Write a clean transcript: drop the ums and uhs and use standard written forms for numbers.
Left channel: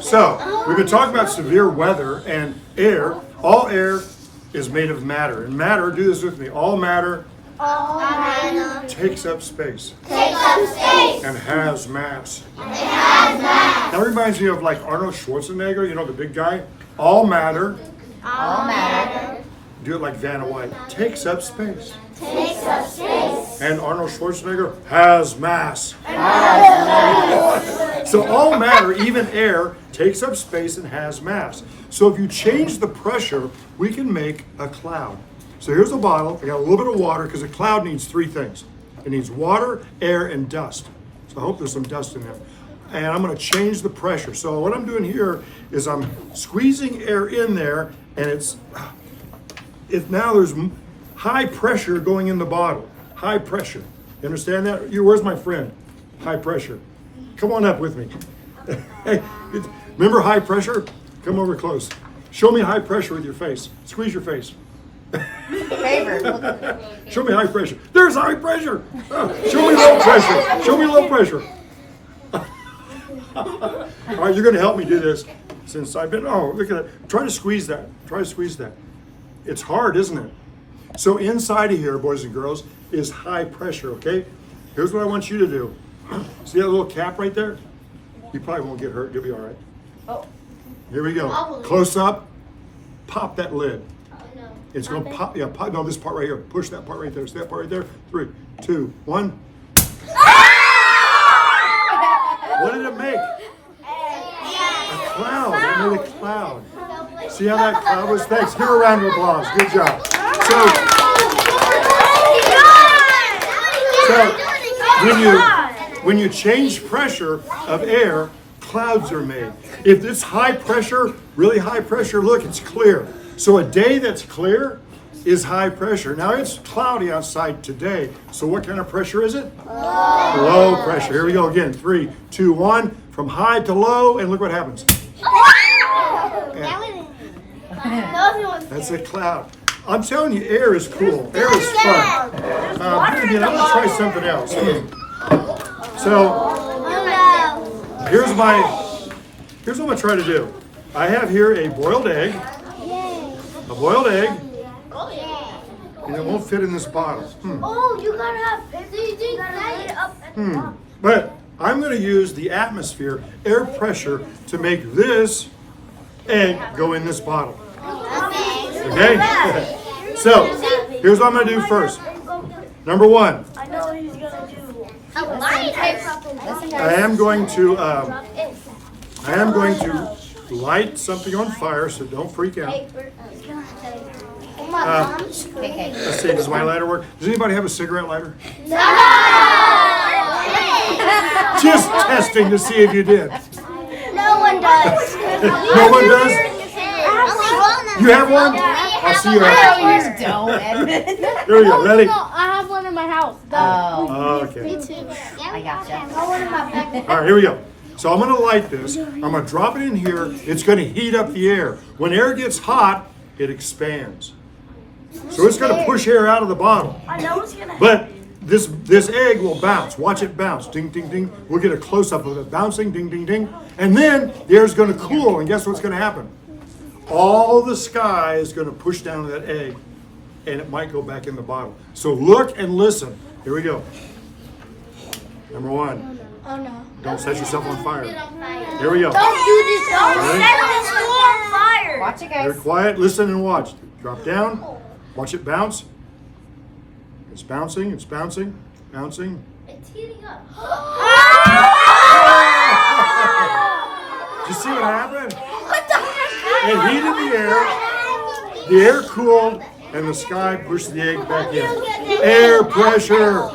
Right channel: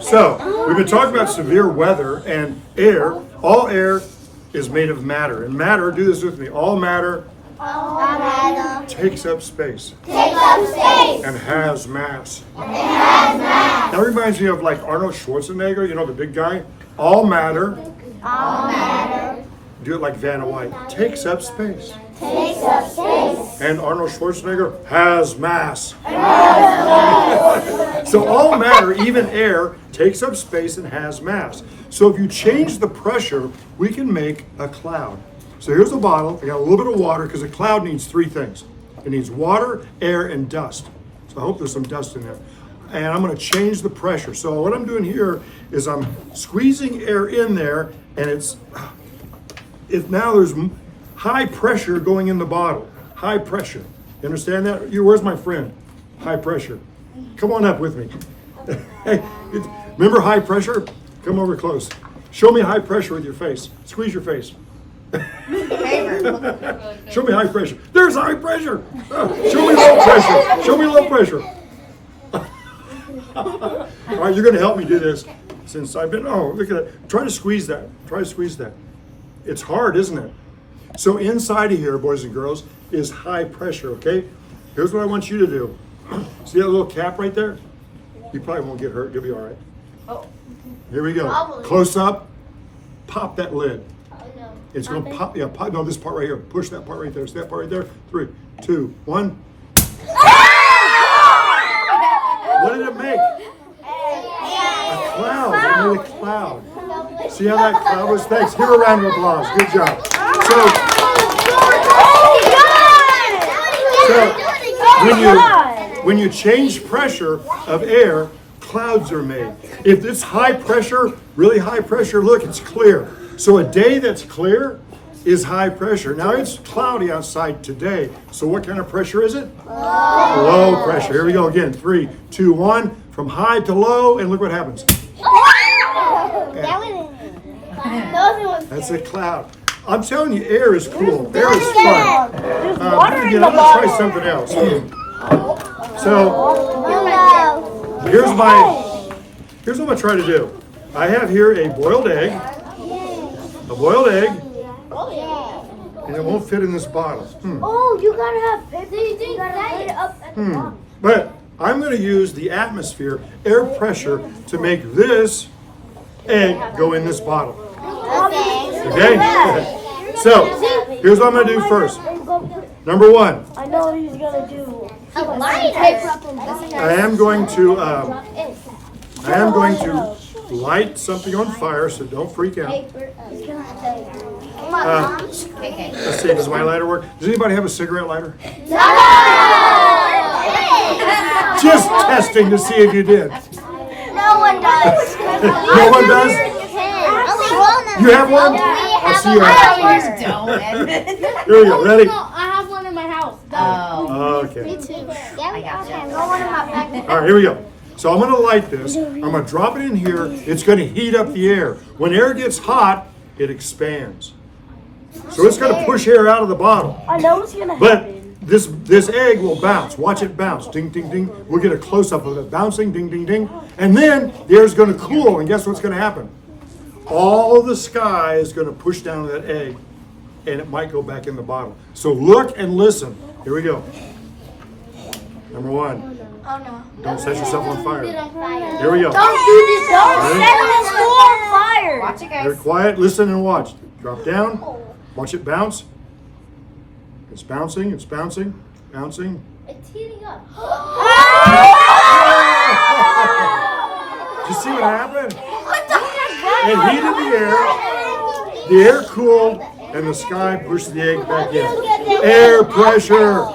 So, we've been talking about severe weather and air. All air is made of matter. And matter, do this with me, all matter takes up space and has mass. That reminds me of like Arnold Schwarzenegger, you know, the big guy. All matter, do it like Vanna White, takes up space. And Arnold Schwarzenegger has mass. So all matter, even air, takes up space and has mass. So if you change the pressure, we can make a cloud. So here's a bottle. I got a little bit of water because a cloud needs three things. It needs water, air, and dust. So I hope there's some dust in there. And I'm going to change the pressure. So what I'm doing here is I'm squeezing air in there, and now there's high pressure going in the bottle. High pressure. You understand that? Where's my friend? High pressure. Come on up with me. Hey, remember high pressure? Come over close. Show me high pressure with your face. Squeeze your face. Show me high pressure. There's high pressure. Show me low pressure. Show me low pressure. All right, you're going to help me do this since I've been, look at that. Try to squeeze that. Try to squeeze that. It's hard, isn't it? So inside of here, boys and girls, is high pressure, okay? Here's what I want you to do. See that little cap right there? You probably won't get hurt. You'll be all right. Oh. Here we go. Close up. Pop that lid. It's going to pop. Yeah, pop. No, this part right here. Push that part right there. See that part right there? 3, 2, 1. What did it make? A cloud. It made a cloud. See how that cloud was? Thanks. Give her a round of applause. Good job. So when you change pressure of air, clouds are made. If it's high pressure, really high pressure, look, it's clear. So a day that's clear is high pressure. Now it's cloudy outside today. So what kind of pressure is it? Low pressure. Here we go again. 3, 2, 1. From high to low, and look what happens. That's a cloud. I'm telling you, air is cool. Air is fun. Again, I'm going to try something else. So, here's what I'm going to try to do. I have here a boiled egg. A boiled egg. And it won't fit in this bottle. Oh, you gotta have it up. But I'm going to use the atmosphere, air pressure, to make this egg go in this bottle. Okay? So, here's what I'm going to do first. Number 1. I know what he's gonna do. I am going to light something on fire, so don't freak out. Let's see, does my lighter work? Does anybody have a cigarette lighter? No! Just testing to see if you did. No one does. No one does? You have one? I'll see you after. Here we go, ready? I have one in my house. Okay. Me too. I got All right, here we go. So I'm going to light this. I'm going to drop it in here. It's going to heat up the air. When air gets hot, it expands. So it's going to push air out of the bottle. I know what's gonna But happen. this egg will bounce. Watch it bounce. Ding, ding, ding. We'll get a close-up of it bouncing. Ding, ding, ding. And then the air's going to cool. And guess what's going to happen? All the sky is going to push down that egg. And it might go back in the bottle. So look and listen. Here we go. Number 1. Oh no. Don't set yourself on fire. Here we go. Don't do this. Don't Ready? set this on fire. Watch it, guys. Very quiet. Listen and watch. Drop down. Watch it bounce. It's bouncing. It's bouncing. Bouncing. It's heating up. Did you see what happened? It heated the air. The air cooled, and the sky pushed the egg back in. Air pressure.